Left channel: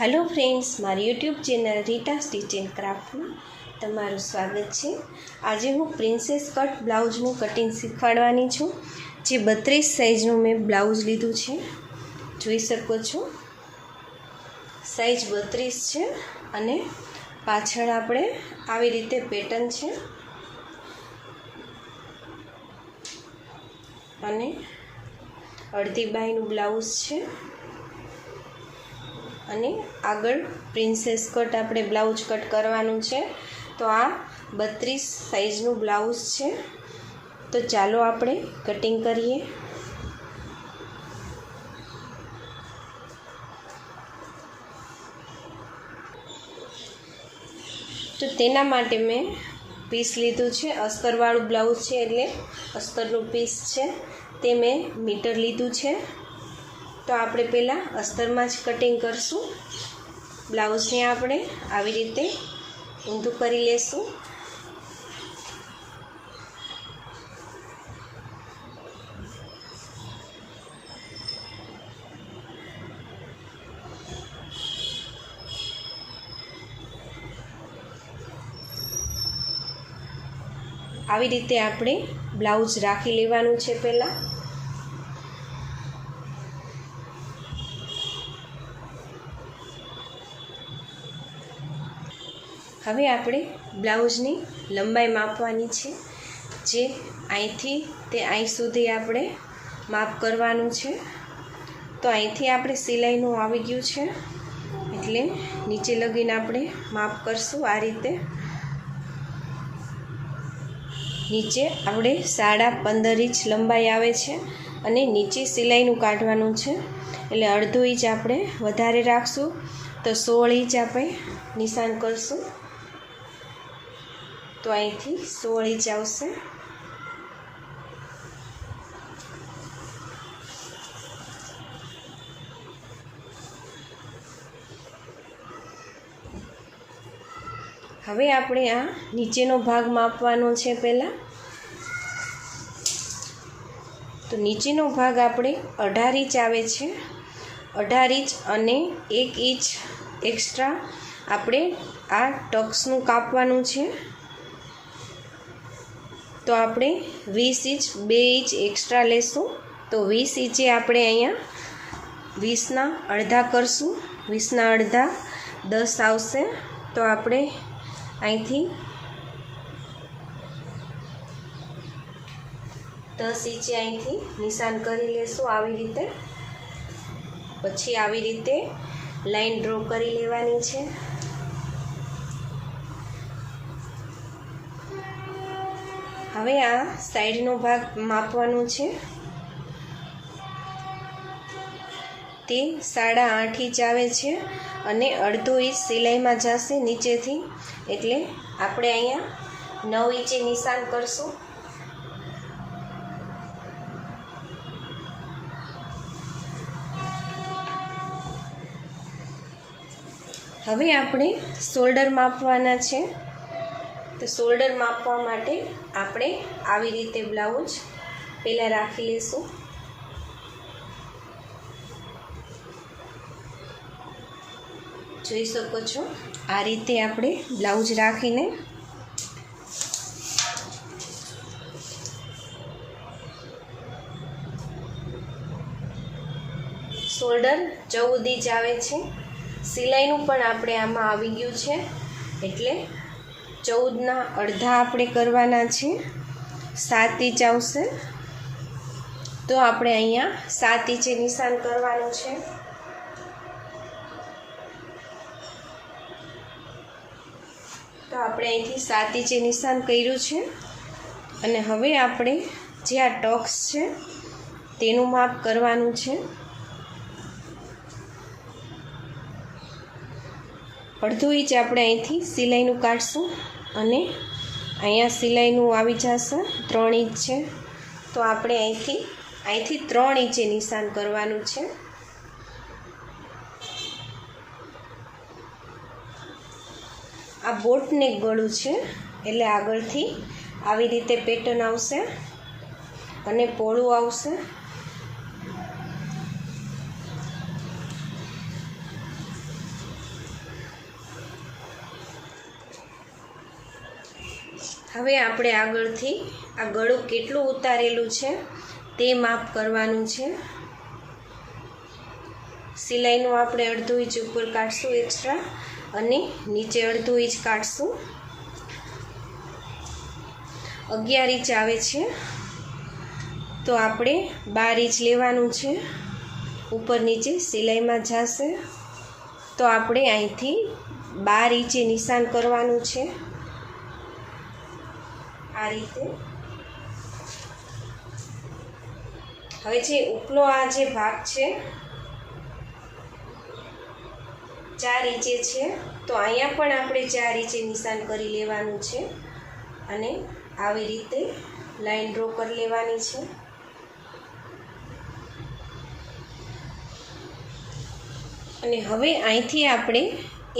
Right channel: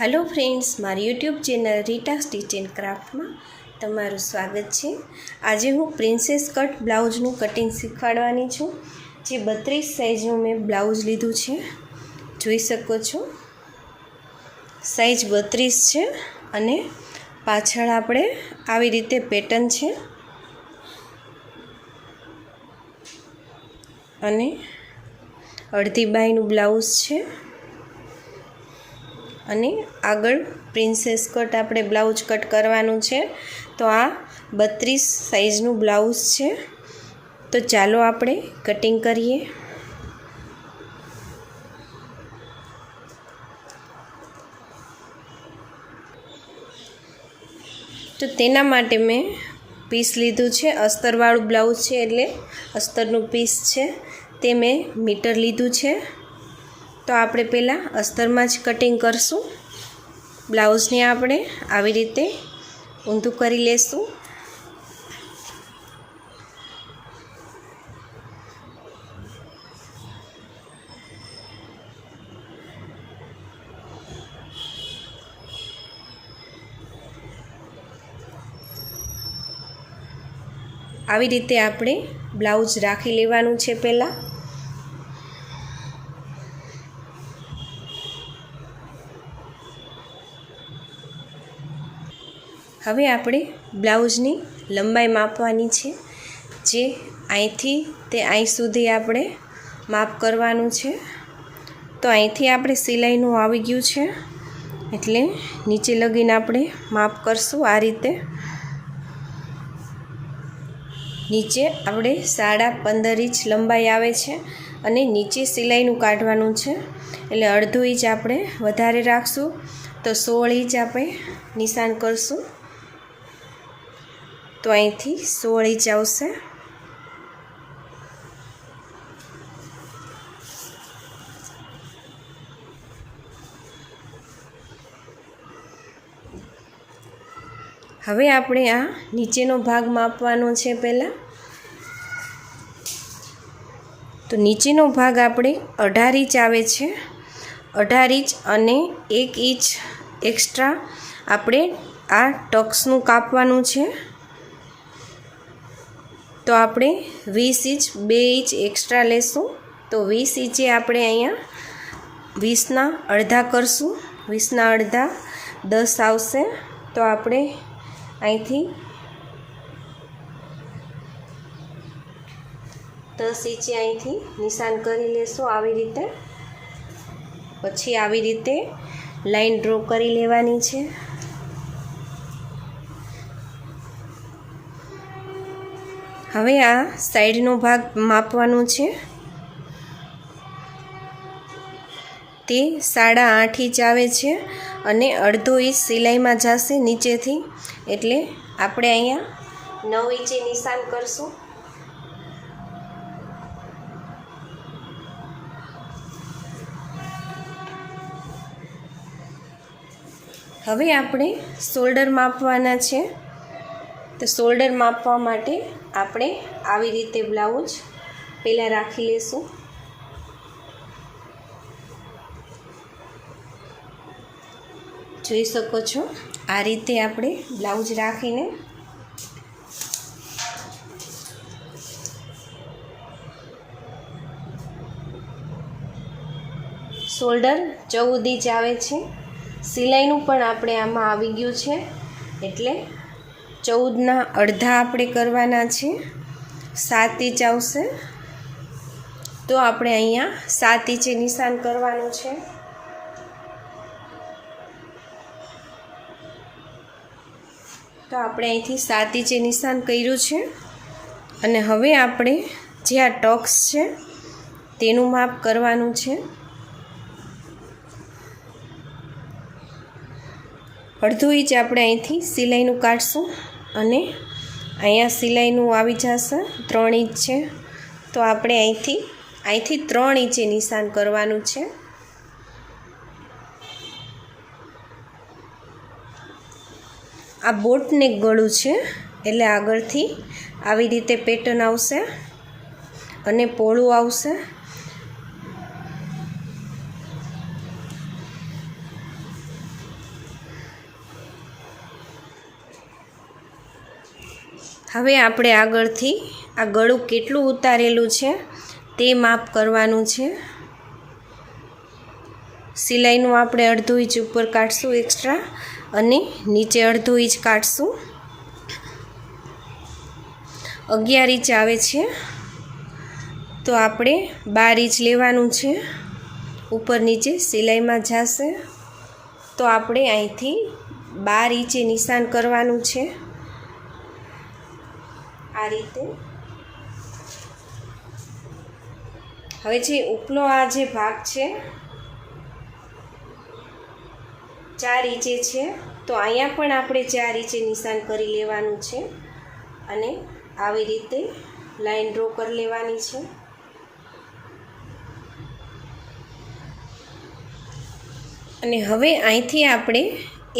Hello friends, मारी YouTube channel Rita stitch and craft में तमारुं स्वागत है। आज हूँ प्रिंसेस कट ब्लाउजनु कटिंग शीखवाडवानी छूं। जे 32 साइजनु मैं ब्लाउज लीधुं छे, जोई शको छो। साइज 32 छे अने पाछळ आपणे आवी रीते पेटर्न छे अने अर्धी बायनु ब्लाउज छे अने आगळ प्रिंसेस कट आपणे ब्लाउज कट करवानुं छे। तो आ 32 साइजनु ब्लाउज छे। तो चालो आपणे कटिंग करीए। तो तेना माटे मैं पीस लीधुं छे। अस्तरवाळुं ब्लाउज छे एटले अस्तरनुं पीस छे ते मैं मीटर लीधुं छे। तो आपणे पहला अस्तर में ज कटिंग करशुं। ब्लाउज ने आपणे आवी रीते ऊंधुं करी लेशुं। आवी रीते आपणे ब्लाउज राखी लेवानुं छे। पहला हवे आपणे ब्लाउजनी लंबाई मापवानी छे। जे અહીંથી તે અહીં સુધી આપણે માપ કરવાનું છે। તો અહીંથી આપણે સિલાઈનું આવી ગયું છે એટલે નીચે લગીને આપણે માપ કરશું। આ રીતે નીચે આપણે 15.5 ઇંચ લંબાઈ આવે છે અને નીચે સિલાઈનું કાઢવાનું છે એટલે અડધો ઇંચ આપણે વધારે રાખશું। તો 16 ઇંચ આપણે નિશાન કરશું। तो અહીંથી 16 ઇંચ આવશે। હવે આપણે આ નીચેનો ભાગ માપવાનો છે। પહેલા તો નીચેનો ભાગ આપણે 18 ઇંચ આવે છે। 18 ઇંચ અને 1 ઇંચ એક્સ્ટ્રા આપણે આ ટક્સનું કાપવાનું છે। तो आपणे 20 इंच 2 इंच एक्स्ट्रा लेशुं। तो 20 इंचे आपणे अहींया 20 ना अर्धा करशुं। 20 ना अर्धा 10 आवशे। तो आपणे અહીંથી 10 इंचे અહીંથી નિશાન કરી લેશો। આવી રીતે પછી આવી રીતે લાઈન ડ્રો કરી લેવાની છે। હવે આ સાઈડનો ભાગ માપવાનો છે। તે 8.5 ઇંચ આવે છે અને અડધો ઇંચ સિલાઈમાં જશે નીચેથી એટલે આપણે અહીંયા 9 ઇંચે નિશાન કરશું। હવે આપણે શોલ્ડર માપવાના છે। तो शोल्डर मापवा माटे आपणे आवी रीते ब्लाउज पहला राखी लेशुं। जोई शको छो आ रीते आपणे ब्लाउज राखीने शोल्डर 14 इंच आवे छे। सिलाईनुं पण आपणे आमां आवी गयुं छे एटले 14 ना अर्धा आपणे करवाना छे। 7 इंच आवशे। तो आपणे अहींया 7 इंचे निशान करवानुं छे। तो आपणे અહીંથી 7 इंचे निशान कर्युं छे અને હવે આપણે જે આ ટક્સ છે તેનું માપ કરવાનું છે। અડધો ઇંચ આપણે અહીંથી સિલાઈનું કાઢશું અને અહીંયા સિલાઈનું આવી જશે 3 ઇંચ છે। તો આપણે અહીંથી 3 ઇંચે નિશાન કરવાનું છે। આ બોટનેક ગળું છે એટલે આગળથી આવી રીતે પેટર્ન આવશે અને પોળું આવશે। હવે આપણે આગળથી આ ગળું કેટલું ઉતારેલું છે તે માપ કરવાનું છે. સિલાઈનું આપણે અડધો ઇંચ ઉપર કાઢશું એક્સ્ટ્રા અને નીચે અડધો ઇંચ કાઢશું. 11 ઇંચ આવે છે તો આપણે 12 ઇંચ લેવાનું છે. ઉપર નીચે સિલાઈમાં જશે તો આપણે અહીંથી 12 ઇંચે નિશાન કરવાનું છે. આ રીતે હવે જે ઉપનો આ જે ભાગ છે 4 ઇંચે છે તો અહીંયા પણ આપણે 4 ઇંચે નિશાન કરી લેવાનું છે અને આવી રીતે લાઈન ડ્રો કરી લેવાની છે. અને હવે અહીંથી આપણે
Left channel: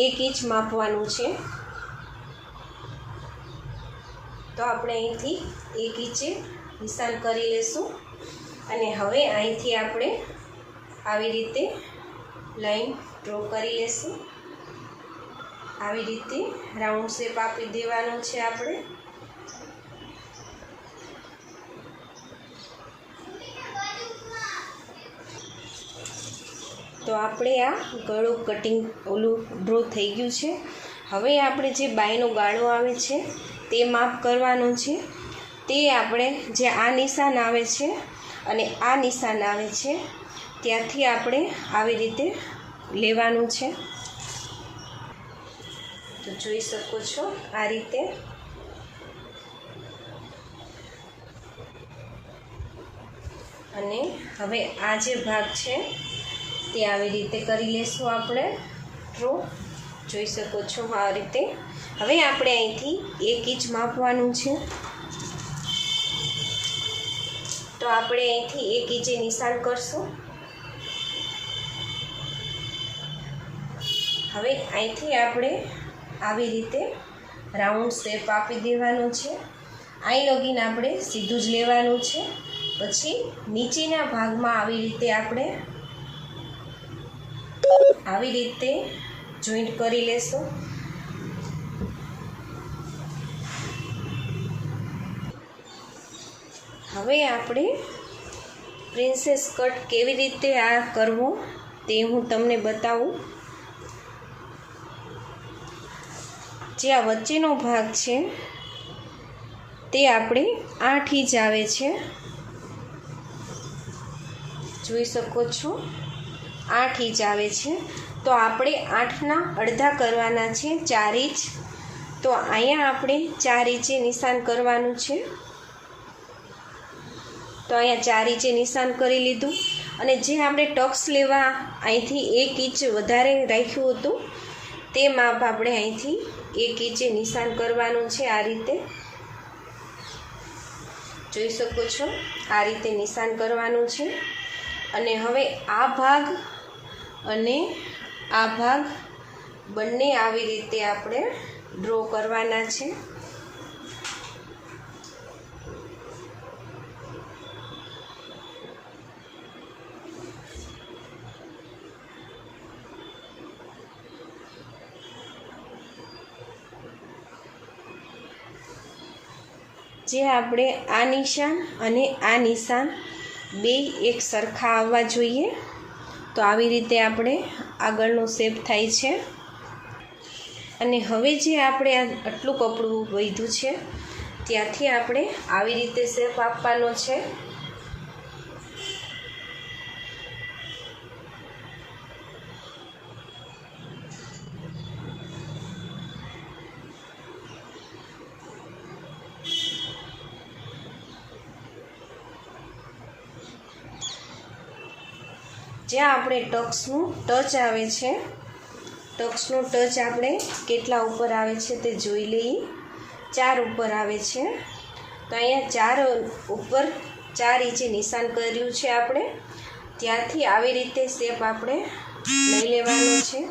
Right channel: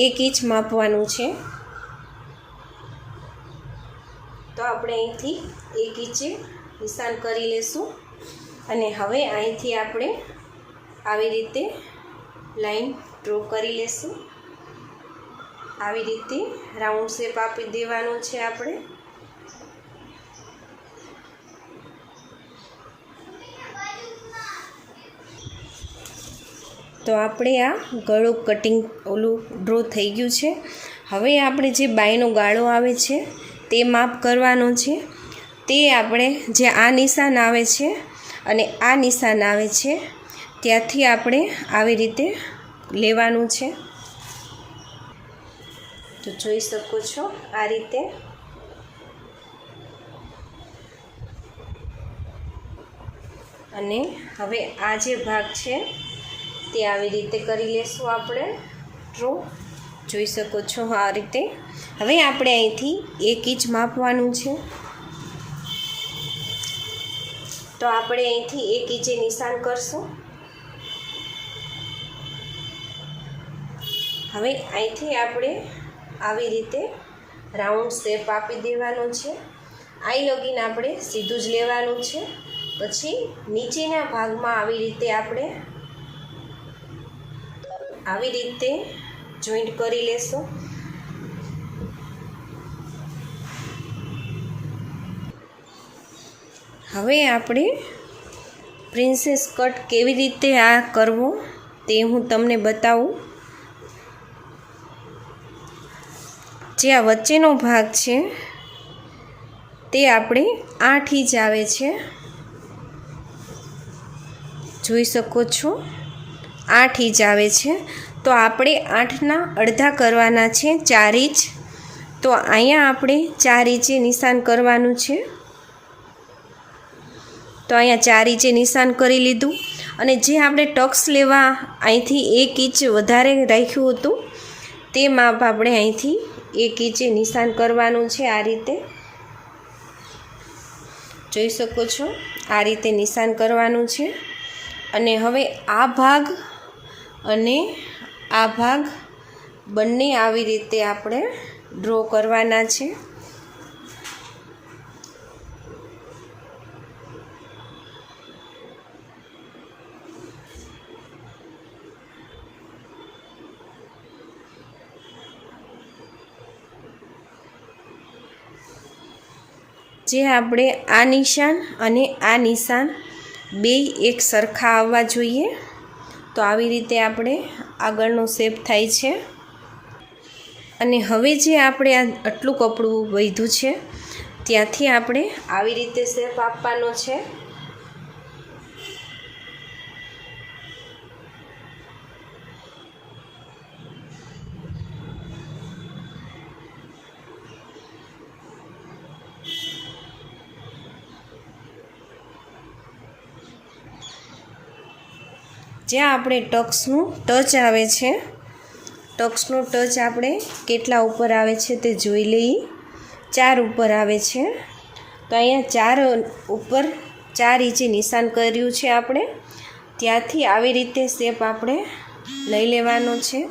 1 ઇંચ માપવાનું છે. તો આપણે અહીંથી 1 ઇંચે નિશાન કરી લેશું અને હવે અહીંથી આપણે આવી રીતે લાઈન ડ્રો કરી લેશું. આવી રીતે રાઉન્ડ શેપ આપી દેવાનો છે આપણે. તો આપણે આ ગળું કટિંગ ડ્રો થઈ ગયું છે. હવે આપણે જે બાયનો ગાળો આવે છે તે માપ કરવાનો છે. તે આપણે જે આ નિશાન આવે છે અને આ નિશાન આવે છે ત્યાંથી આપણે આવી રીતે લેવાનું છે. તો જોઈ શકો છો આ રીતે. અને હવે આ જે ભાગ છે તે આવી રીતે કરી લેશું આપણે ડ્રો. જોઈ શકો છો આ રીતે. હવે આપણે અહીંથી 1 ઇંચ માપવાનું છે. તો આપણે અહીંથી 1 ઇંચે નિશાન કરશું. હવે અહીંથી આપણે આવી રીતે રાઉન્ડ શેપ આપી દેવાનો છે. અહીં લગીને આપણે સીધું જ લેવાનું છે. પછી નીચેના ભાગમાં આવી રીતે આપણે આવી રીતે જોઈન્ટ કરી લેશું. હવે આપણે પ્રિન્સેસ કટ કેવી રીતે આ કરવો તે હું તમને બતાવું. જે આ વચ્ચેનો ભાગ છે તે આપણે 8 ઇંચ આવે છે. જોઈ શકો છો 8 ઇંચ આવે છે. તો આપણે 8ના અડધા કરવાના છે 4 ઇંચ. તો અહીંયા આપણે 4 ઇંચે નિશાન કરવાનું છે. તો અહીંયા 4 ઇંચે નિશાન કરી લીધું. અને જે આપણે ટક્સ લેવા અહીંથી 1 ઇંચ વધારે રાખ્યું હતું તે માપ આપણે અહીંથી 1 ઇંચે નિશાન કરવાનું છે. આ રીતે જોઈ શકો છો આ રીતે નિશાન કરવાનું છે. અને હવે આ ભાગ અને આ ભાગ બંને આવી રીતે આપણે ડ્રો કરવાના છે. જે આપણે આ નિશાન અને આ નિશાન બે એક સરખા આવવા જોઈએ. તો આવી રીતે આપણે આગળનો શેપ થાય છે. અને હવે જે આપણે આટલું કપડું વધ્યું છે ત્યાંથી આપણે આવી રીતે શેપ આપવાનો છે. જ્યાં આપણે ટક્સનું ટચ આવે છે, ટક્સનું ટચ આપણે કેટલા ઉપર આવે છે તે જોઈ લઈએ. 4 ઉપર આવે છે. તો અહીંયા 4 ઉપર 4 ઇંચે નિશાન કર્યું છે આપણે. ત્યાંથી આવી રીતે શેપ આપણે લઈ લેવાનો છે.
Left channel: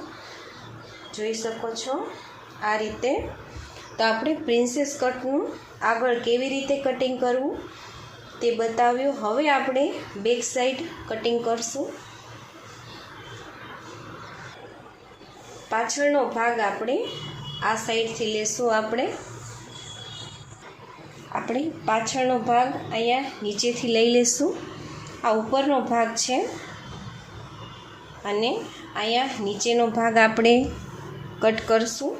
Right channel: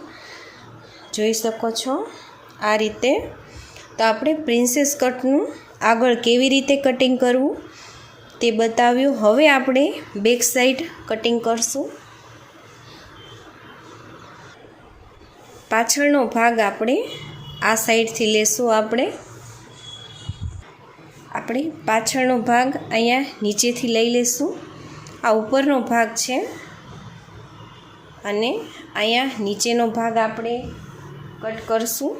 જોઈ શકો છો આ રીતે. તો આપણે પ્રિન્સેસ કટનું આગળ કેવી રીતે કટિંગ કરવું તે બતાવ્યું. હવે આપણે બેક સાઈડ કટિંગ કરશું. પાછળનો ભાગ આપણે આ સાઈડથી લેશું. આપણે આપણે પાછળનો ભાગ અહીંયા નીચેથી લઈ લઈશું. આ ઉપરનો ભાગ છે અને અહીંયા નીચેનો ભાગ આપણે કટ કરશું.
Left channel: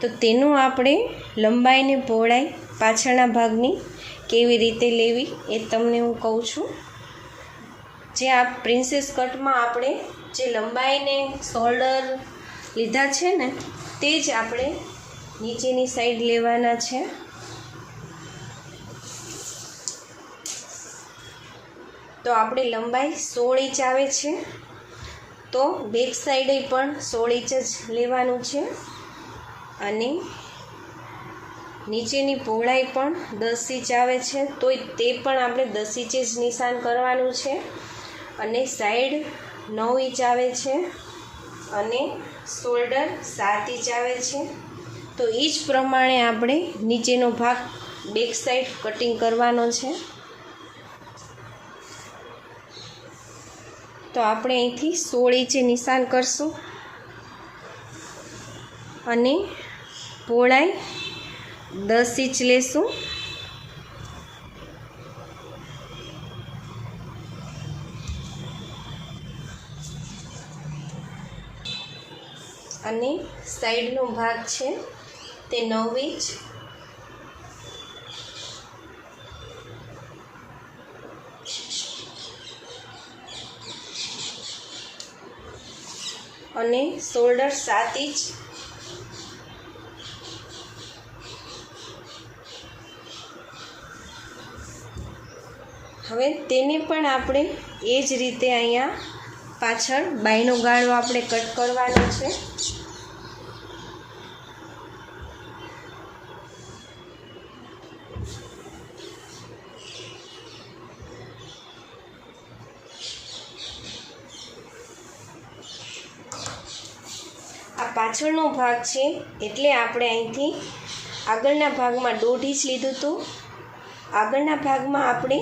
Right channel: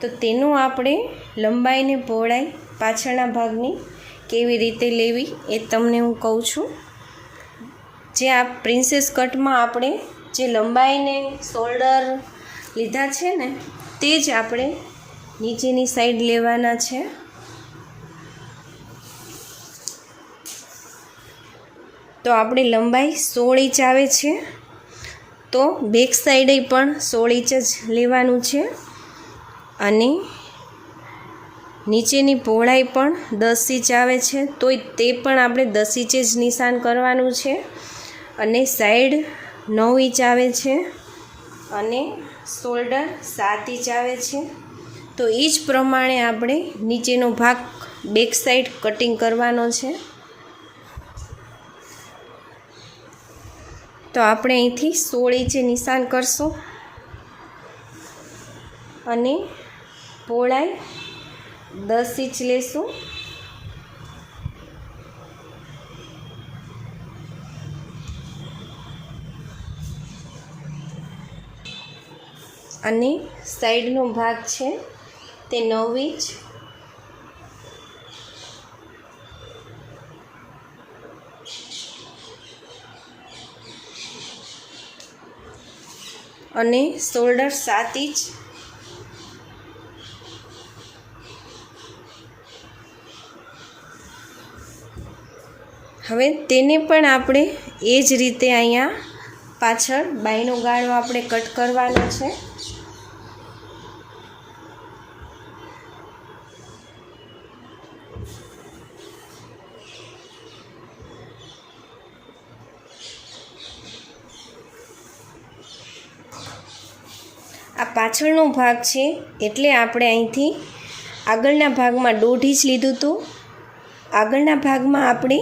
તો તેનો આપણે લંબાઈ ને પહોળાઈ પાછળના ભાગની કેવી રીતે લેવી એ તમને હું કહું છું. જે આ પ્રિન્સેસ કટમાં આપણે જે લંબાઈને શોલ્ડર લીધા છે ને તે જ આપણે નીચેની સાઈડ લેવાના છે. તો આપણે લંબાઈ 16 ઇંચ આવે છે, તો બેક સાઈડે પણ 16 ઇંચ જ લેવાનું છે અને નીચેની પહોળાઈ પણ 10 ઇંચ આવે છે, તો તે પણ આપણે 10 ઇંચ જ નિશાન કરવાનું છે. અને સાઈડ 9 ઇંચ આવે છે અને શોલ્ડર 7 ઇંચ આવે છે. તો એ જ પ્રમાણે આપણે નીચેનો ભાગ બેક સાઈડ કટિંગ કરવાનો છે. તો આપણે અહીંથી 16 ઇંચે નિશાન કરશું અને પહોળાઈ 10 ઇંચ લેશું. અને સાઈડનો ભાગ છે તે 9 ઇંચ. અને શોલ્ડર 7 ઇંચ. હવે તેને પણ આપણે એ જ રીતે અહીંયા પાછળ બાયનો ગાળો આપણે કટ કરવાનો છે. આ પાછળનો ભાગ છે એટલે આપણે અહીંથી આગળના ભાગમાં 1.5 ઇંચ લીધું હતું, આગળના ભાગમાં આપણે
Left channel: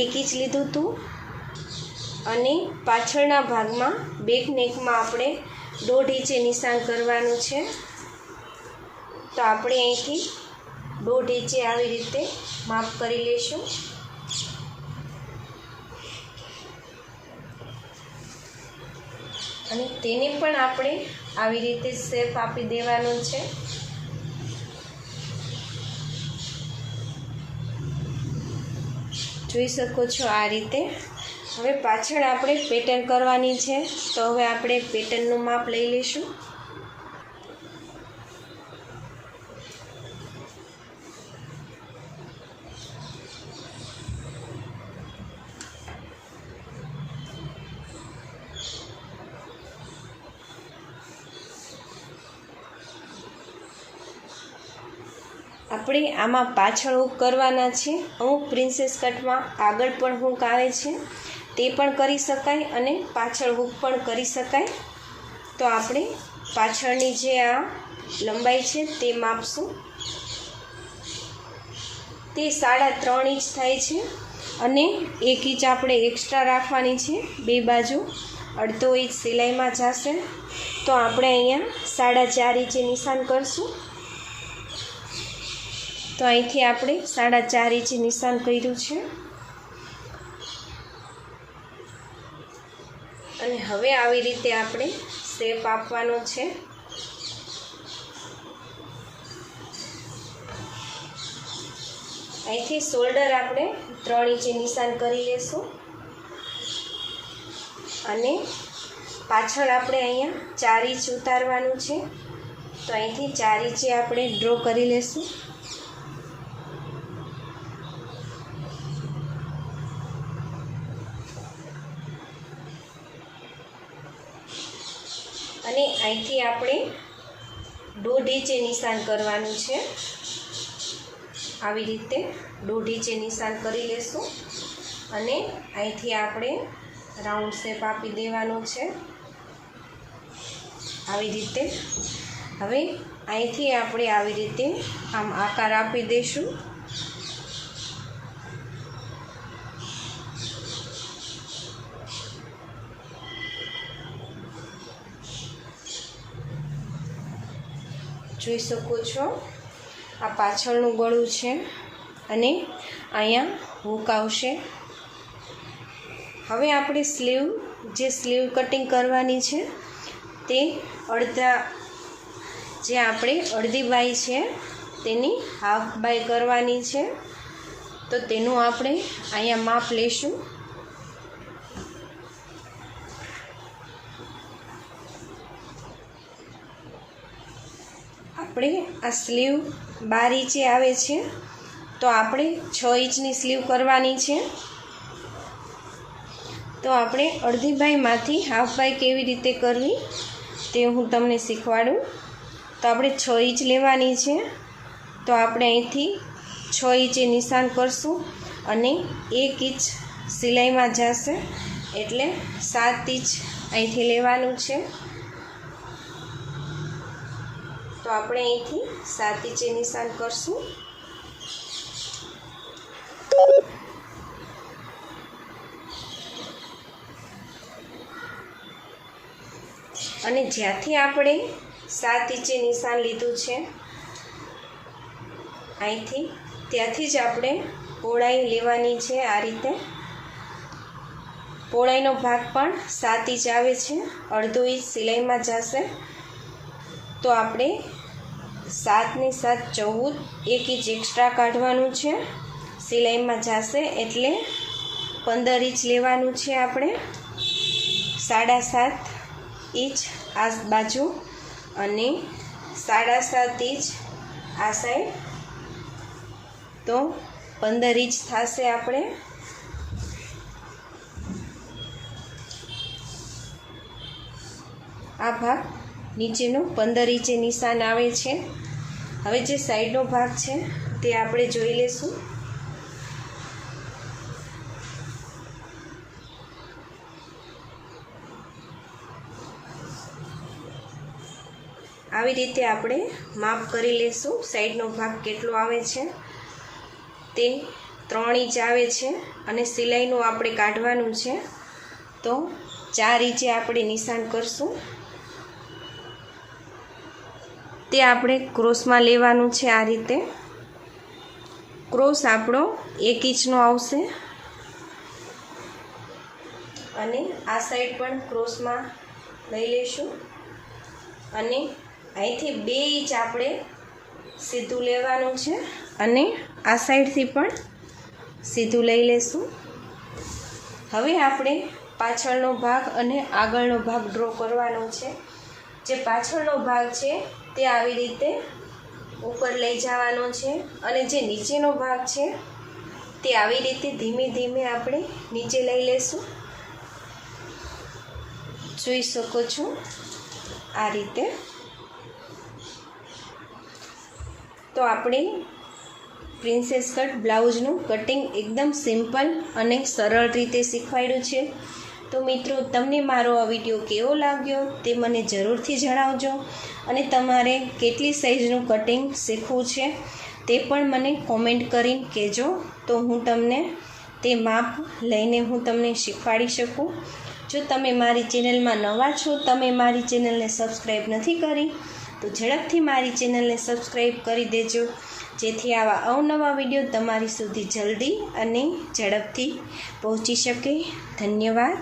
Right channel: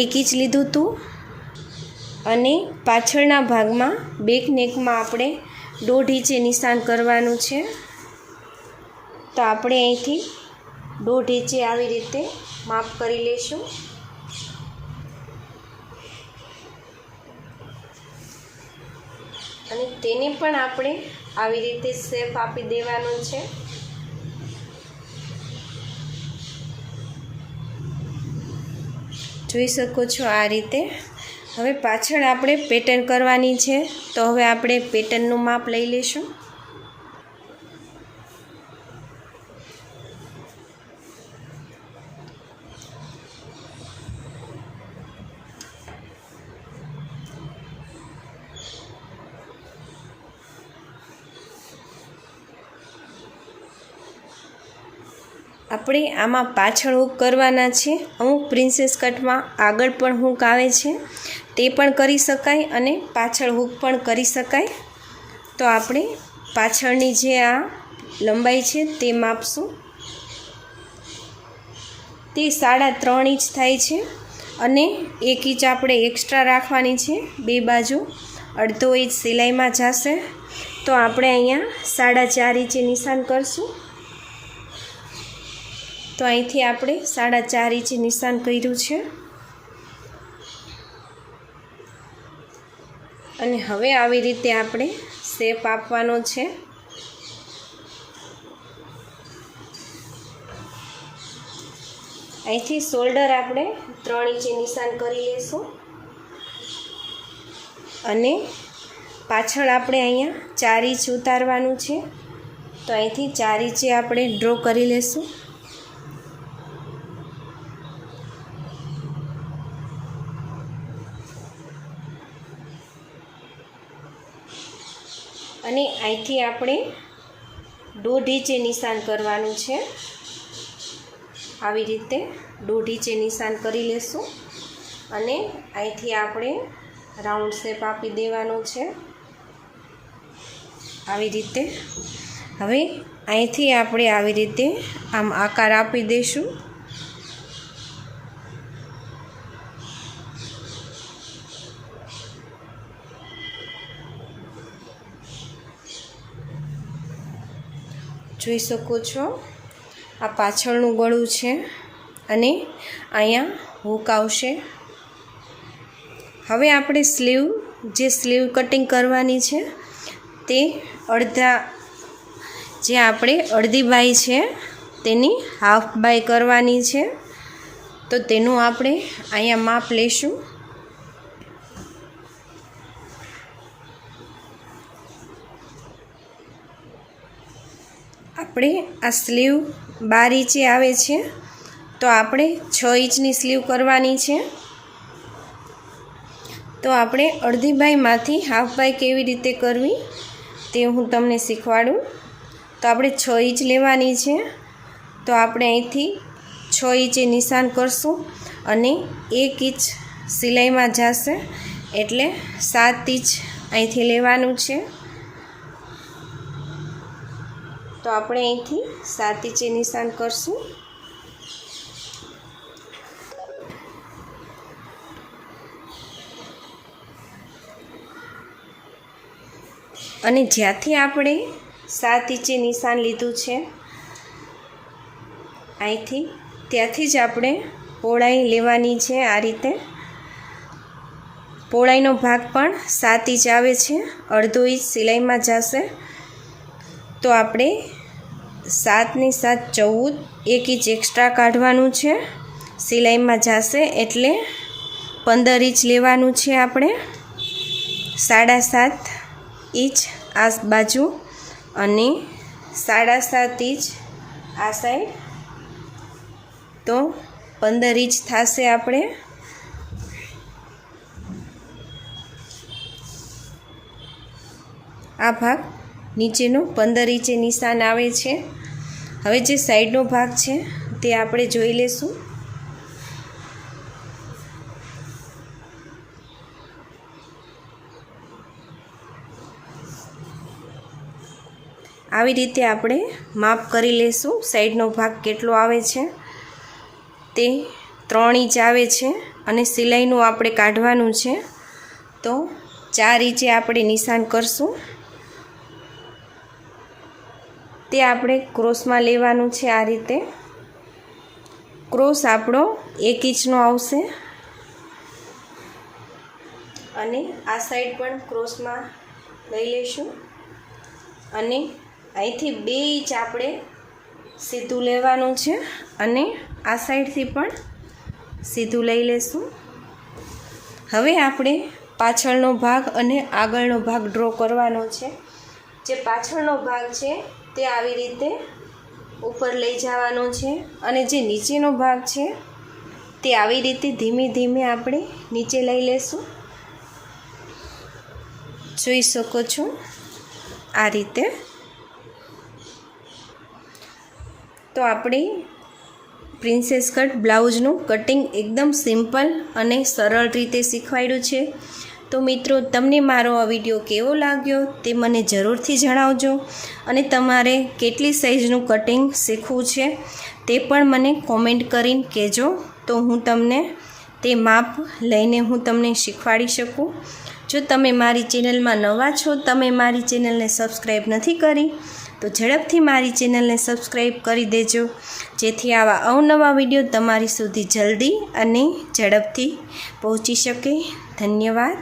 1 ઇંચ લીધું હતું અને પાછળના ભાગમાં બેક નેકમાં આપણે 1.5 ઇંચે નિશાન કરવાનું છે. તો આપણે અહીંથી 1.5 ઇંચે આવી રીતે માપ કરી લઈશું. અને તેને પણ આપણે આવી રીતે શેપ આપી દેવાનો છે. જોઈ શકો છો આ રીતે. હવે પાછળ આપણે પેટર્ન કરવાની છે, તો હવે આપણે પેટર્નનું માપ લઈ લઈશું. આપણે આમાં પાછળ હૂક કરવાના છે. અમુક પ્રિન્સેસ કટમાં આગળ પણ હૂક આવે છે, તે પણ કરી શકાય અને પાછળ હૂક પણ કરી શકાય. તો આપણે પાછળની જે આ લંબાઈ છે તે માપશું. તે 3.5 ઇંચ થાય છે અને 1 ઇંચ આપણે એક્સ્ટ્રા રાખવાની છે. બે બાજુ 1/2 ઇંચ સિલાઈમાં જશે. તો આપણે અહીંયા 4.5 ઇંચે નિશાન કરશું. તો અહીંથી આપણે 4.5 ઇંચે નિશાન કર્યું છે. અને હવે આવી રીતે આપણે શેપ આપવાનો છે. અહીંથી શોલ્ડર આપણે 3 ઇંચે નિશાન કરી લેશું અને પાછળ આપણે અહીંયા 4 ઇંચ ઉતારવાનું છે. તો અહીંથી 4 ઇંચે આપણે ડ્રો કરી લેશું. અને અહીંથી આપણે 1.5 ઇંચે નિશાન કરવાનું છે. આવી રીતે 1.5 ઇંચે નિશાન કરી લેશું અને અહીંથી આપણે રાઉન્ડ શેપ આપી દેવાનો છે આવી રીતે. હવે અહીંથી આપણે આવી રીતે આમ આકાર આપી દઈશું. જોઈ શકો છો આ પાછળનું ગળું છે અને અહીંયા હૂક આવશે. હવે આપણે સ્લીવ કટિંગ કરવાની છે તે અડધી બાય છે તેની હાફ બાય કરવાની છે. તો તેનું આપણે અહીંયા માપ લેશું. આપણે આ સ્લીવ 12 ઇંચે આવે છે તો આપણે 6 ઇંચની સ્લીવ કરવાની છે. તો આપણે અડધી બાયમાંથી હાફ બાય કેવી રીતે કરવી તે હું તમને શીખવાડું. તો આપણે 6 ઇંચ લેવાની છે. તો આપણે અહીંથી 6 ઇંચે નિશાન કરશું અને 1 ઇંચ સિલાઈમાં જશે એટલે 7 ઇંચ અહીંથી લેવાનું છે. તો આપણે અહીંથી 7 ઇંચે નિશાન કરશું. અને જ્યાંથી આપણે 7 ઇંચે નિશાન લીધું છે અહીંથી ત્યાંથી જ આપણે પહોળાઈ લેવાની છે. આ રીતે પહોળાઈનો ભાગ પણ 7 ઇંચ આવે છે, અડધો ઇંચ સિલાઈમાં જશે. તો આપણે 7 ની 7 14, 1 ઇંચ એક્સ્ટ્રા કાઢવાનું છે, સિલાઈમાં જશે એટલે 15 ઇંચ લેવાનું છે. આપણે 7.5 ઇંચ આ બાજુ અને 7.5 ઇંચ આ સાઈડ, તો 15 ઇંચ થશે. આપણે આ ભાગ નીચેનો 15 ઇંચે નિશાન આવે છે. હવે જે સાઈડનો ભાગ છે તે આપણે જોઈ લેશું. આવી રીતે આપણે માપ કરી લેશું. સાઈડનો ભાગ કેટલો આવે છે તે 3 ઇંચ આવે છે અને સિલાઈનું આપણે કાઢવાનું છે તો 4 ઇંચે આપણે નિશાન કરશું. તે આપણે ક્રોસમાં લેવાનું છે. આ રીતે ક્રોસ આપણો 1 ઇંચનો આવશે અને આ સાઈડ પણ ક્રોસમાં લઈ લઈશું અને અહીંથી 2 ઇંચ આપણે સીધું લેવાનું છે અને આ સાઈડથી પણ સીધું લઈ લેશું. હવે આપણે પાછળનો ભાગ અને આગળનો ભાગ ડ્રો કરવાનો છે. જે પાછળનો ભાગ છે તે આવી રીતે ઉપર લઈ જવાનો છે અને જે નીચેનો ભાગ છે તે આવી રીતે ધીમે ધીમે આપણે નીચે લઈ લેશું. જોઈ શકો છો આ રીતે. તો આપણે પ્રિન્સેસ કટ બ્લાઉઝનું કટિંગ એકદમ સિમ્પલ અને સરળ રીતે શીખવાડ્યું છે. તો મિત્રો, તમને મારો આ વિડીયો કેવો લાગ્યો તે મને જરૂરથી જણાવજો અને તમારે કેટલી સાઇઝનું કટિંગ શીખવું છે તે પણ મને કોમેન્ટ કરીને કહેજો. તો હું તમને તે માપ લઈને હું તમને શીખવાડી શકું. જો તમે મારી ચેનલમાં નવા છો, તમે મારી ચેનલને સબસ્ક્રાઈબ નથી કરી તો ઝડપથી મારી ચેનલને સબસ્ક્રાઈબ કરી દેજો, જેથી આવા અવનવા વિડીયો તમારી સુધી જલ્દી અને ઝડપથી પહોંચી શકે. ધન્યવાદ.